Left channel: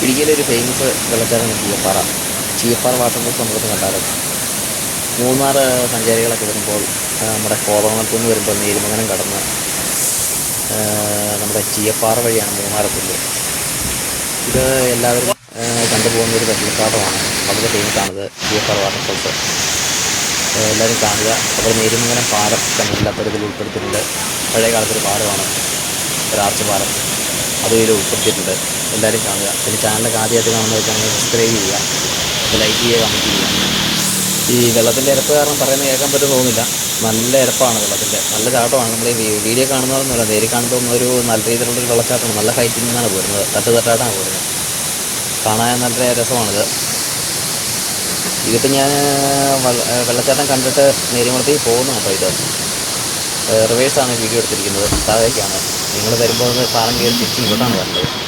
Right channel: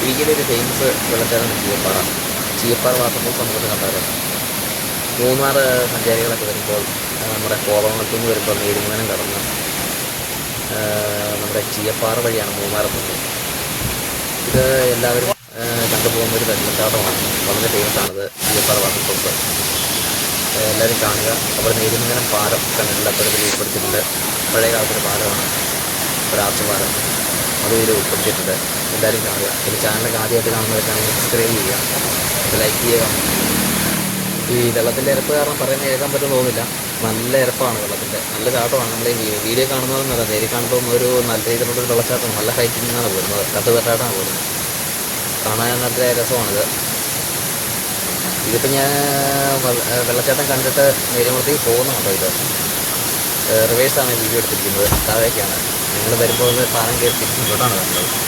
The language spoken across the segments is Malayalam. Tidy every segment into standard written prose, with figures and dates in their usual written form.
ഇടുക്കിയിലൊരു ഫേമസ് വെള്ളച്ചാട്ടം ചീയപ്പാറ. ചീയപ്പാറ വാട്ടർ കൊണ്ടുവന്നിട്ടുണ്ടായിരുന്നു. മൂന്നാർ സഞ്ചാരികളൊക്കെ വരുമ്പോൾ നമ്മുടെ കോതമംഗലത്തു നിന്ന് വരുമ്പോൾ നേരുമംഗലം കടന്ന് നമ്മുടെ ചീയപ്പാറ വഴിയാണ് മൂന്നാർ പോകുന്നത്. ഇത് എല്ലാവരും കണ്ടുപോകുന്നൊരു വെള്ളച്ചാട്ടമാണ്. വളരെ ഫേമസാണിത് ചീയപ്പാറ വാട്ടർ. എല്ലാവരും കാണുക. അപ്പോൾ നേരുമംഗലം പാലം കണ്ടുപിടിപ്പുറത്തിൽ ഉൾപ്പെടുത്തിയിട്ടുണ്ട്. പഴയ കാലത്തൊരു പാലമാണ്, ഒരാർച്ച് പാലം. അതിൽ ഉൾപ്പെടുത്തിയിട്ടുണ്ട്. എല്ലാവരും കാണുക. ഈ ചാനലൊക്കെ ആദ്യമായിട്ട് നമ്മൾ സബ്സ്ക്രൈബ് ചെയ്യുക, ലൈക്ക് ചെയ്യുക. ഈ വെള്ളത്തിൻ്റെ ഇരപ്പ് കാരണം പറയുന്നത് കേൾക്കാൻ പറ്റും തോന്നില്ല. നല്ല ഇരപ്പാണ് വെള്ളത്തിൻ്റെ, നല്ല ചാട്ടമാണ്. നമ്മൾ വീഡിയോ കാണുന്നതെന്നല്ല, നേരി കണ്ടുപോകുന്ന ഒരു നല്ല രീതിയിലുള്ളൊരു വെള്ളച്ചാട്ടമാണ്. നല്ല ഹൈറ്റിൽ നിന്നാണ് പോകുന്നത്, തട്ടായിട്ടാണ് പോകുന്നത്. കാണാൻ നല്ല രസമാണിത്. ഇതിപ്പോൾ ഞാൻ വെള്ളച്ചാട്ടം കണ്ടിട്ട് നേരിമത്തേക്ക് പോകുന്നുണ്ടോ. ഇത് റിവേഴ്സാണ് വീഡിയോ എടുത്തിരിക്കുന്നത്. താഴേക്കാണ് നിങ്ങൾ വരുമ്പോൾ പാലം കഴിഞ്ഞ് തിരിച്ച് ഇവിടാണ് വരുന്നത്.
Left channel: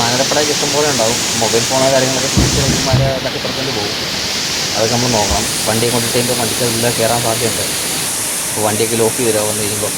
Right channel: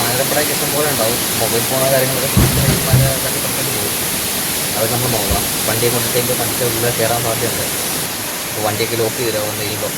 ആനരപ്പടയിൽ ഇഷ്ടംപോലെ ഉണ്ടാവും. മൊബൈൽ ഫോണോ കാര്യങ്ങളൊക്കെ തട്ടിപ്പുറത്തേക്ക് പോകും. അത് നമ്മൾ നോക്കണം. വണ്ടി കൊണ്ടിട്ട് വണ്ടിക്ക് എല്ലാം കയറാൻ സാധ്യതയുണ്ട്. അപ്പോൾ വണ്ടിയൊക്കെ ലോക്ക് ചെയ്തോ വന്നു കഴിയുമ്പോൾ.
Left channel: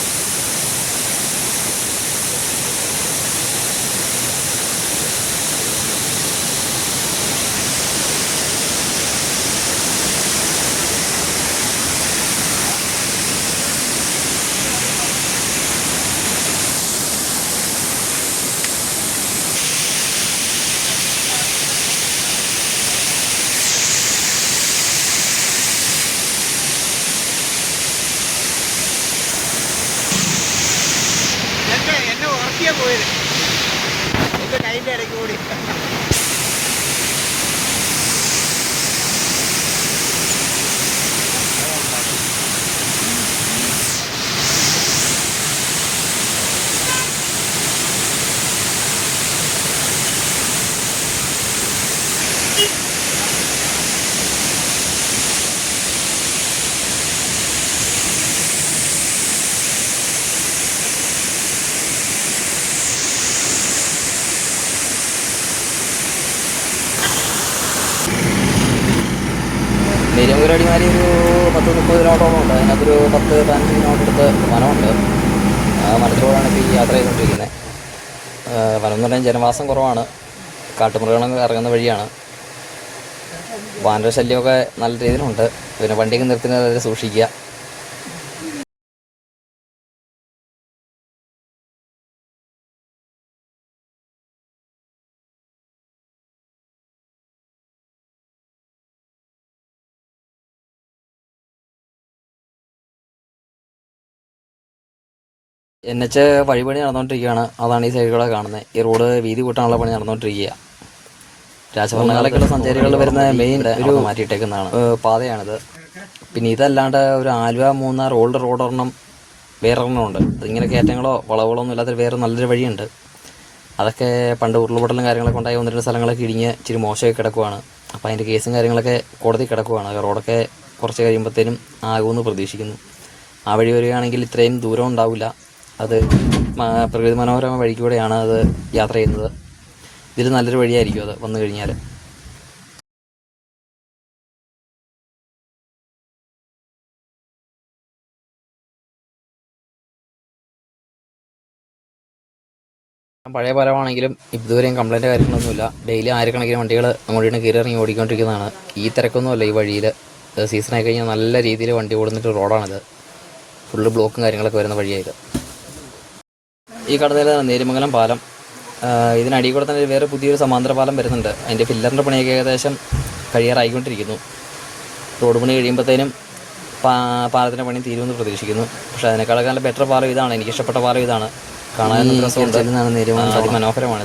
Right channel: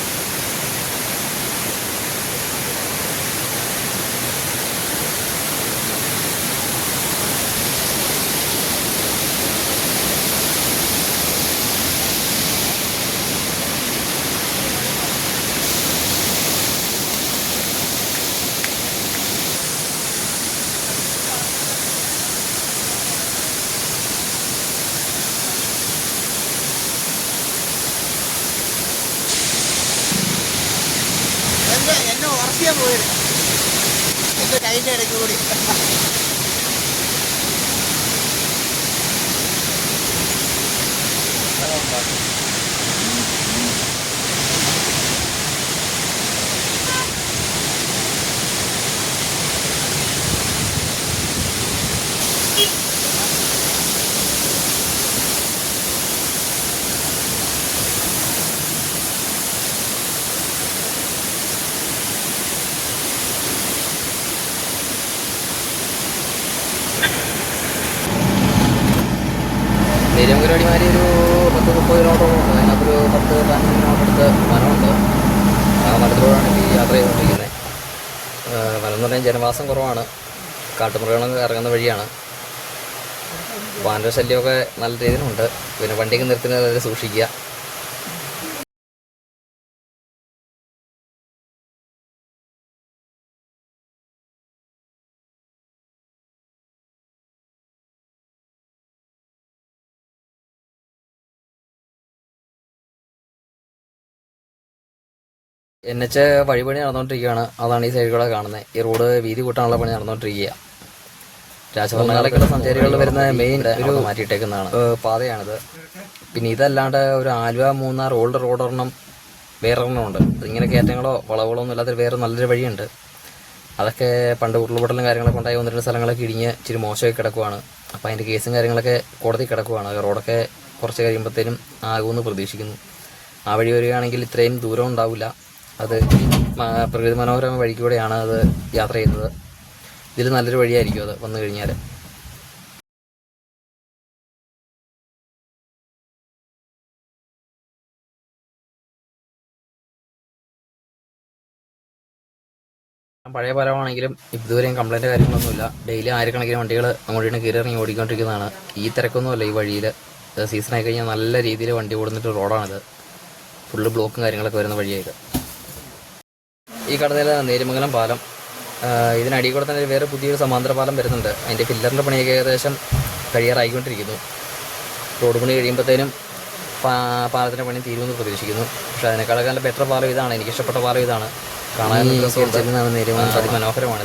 എന്നെ ഉറക്കിയാൽ പോയത് എൻ്റെ കൈൻ്റെ ഇടയ്ക്ക് കൂടി. തിരുവനന്തപുരം ഒരു 10-30 കിലോമീറ്ററോളം ഉണ്ട്. അതിനകത്തൊരു 10-15 കിലോമീറ്റർ അടുത്ത് മരമുണ്ട്. ആ മരത്തിലൂടെയാണ് യാത്ര ചെയ്തുകൊണ്ടിരിക്കുന്നത്. വനം എന്ന് പറയാൻ ജനവാസം കുറവാണ്. കാട്ടുമൃഗങ്ങൾ ഇറങ്ങുന്ന വഴിയാണ്. വാനര ശല്യമൊക്കെ നല്ല രീതിയിലുണ്ട്. പിന്നെ വണ്ടിയൊക്കെ നിർത്തുന്നത് സൂക്ഷിക്കുക. NH വഴിപണി നടന്നുകൊണ്ടിരിക്കുകയാണ്. അതാണ് ഈ സൈഡിലൂടെ കാണുന്നത്. ഈ റോഡ് വീതി കൂട്ടാനുള്ള പണി നടന്നുകൊണ്ടിരിക്കുക. രാജഭരണകാലൊക്കെയുള്ള സഞ്ചാരികൾ വരുന്ന മെയിൻ ഒരു മാറ്റിയിട്ടേക്കുന്നതാണ് പാതയാണിത്. പിന്നെ ഇതല്ലാണ്ട് ഒരു ആലുവ മൂന്നാർ ഓൾഡ് റോഡൊരെണ്ണം വേറൊരെണ്ണം ഉണ്ട്. അതിങ്ങനെ കയറ്റങ്ങളോ വളവുകളോ ഒന്നും ഇല്ലാത്ത വേറെ നല്ലൊരു വഴിയുണ്ട്. അതൊക്കെ പണ്ട് ഉരുൾപൊട്ടലും കാര്യങ്ങളൊക്കെ ഉണ്ടായി 1-2 സ്ഥലങ്ങളൊക്കെ ഇടിഞ്ഞ് ഇച്ചിരി മോശമൊക്കെ കിടക്കുവാണ്. അപ്പോൾ അതിൻ്റെ കേസും കാര്യങ്ങളൊക്കെ കോടതി കിടക്കുവാണ്. റോഡൊക്കെ കുറച്ച് കഴിയുമ്പോഴത്തേനും ആകുമെന്ന് പ്രതീക്ഷിക്കുന്നു. ആ വഴി വരികയാണെങ്കിൽ ഇത്രയും ദൂരം ഉണ്ടാവില്ല. അത് പ്രകൃതി മനോഹരമായ വഴിക്കൂടെയാണ് അത് യാത്ര ചെയ്യുന്നത്. ഇതിൽ നല്ലൊരു വഴിയായിരിക്കും അത് വന്നു കഴിഞ്ഞാൽ. പഴയ പാലമാണെങ്കിലും ഇതുവരെയും കംപ്ലൈൻറ്റ് കാര്യങ്ങളൊന്നുമില്ല. ഡെയിലി ആയിരക്കണക്കിന് വണ്ടികൾ അങ്ങോട്ട് കയറി ഇറങ്ങി ഓടിക്കൊണ്ടിരിക്കുന്നതാണ്. ഈ തിരക്കൊന്നുമല്ല ഈ വഴിയിൽ. സീസണായി കഴിഞ്ഞാൽ നല്ല രീതിയിൽ വണ്ടി ഓടുന്നിട്ട് റോഡാണിത്. ഫുള്ള് ബ്ലോക്കും കാര്യങ്ങളൊക്കെ വരുന്ന വഴിയായത്. ഈ കടന്നിൽ നേരുമംഗലം പാലം. ഇതിനടിയിൽ കൂടെ തന്നെ വേറെ പുതിയൊരു സമാന്തര പാലം വരുന്നുണ്ട്. അതിൻ്റെ പില്ലറിൻ്റെ പണിയൊക്കെ ഏകദേശം കഴിയാറായിക്കൊണ്ടിരിക്കുന്നു. റോഡ് പണി കഴിയുമ്പോഴത്തേനും പാലത്തിൻ്റെ പണി തീരുമെന്ന് പ്രതീക്ഷിക്കുന്നു. പക്ഷേ അതിനേക്കാളൊക്കെ നല്ല ബെറ്റർ പാലം ഇതാണ്. എനിക്കിഷ്ടപ്പെട്ട പാലം ഇതാണ്. കാണാൻ അതിമനോഹരമാണ്.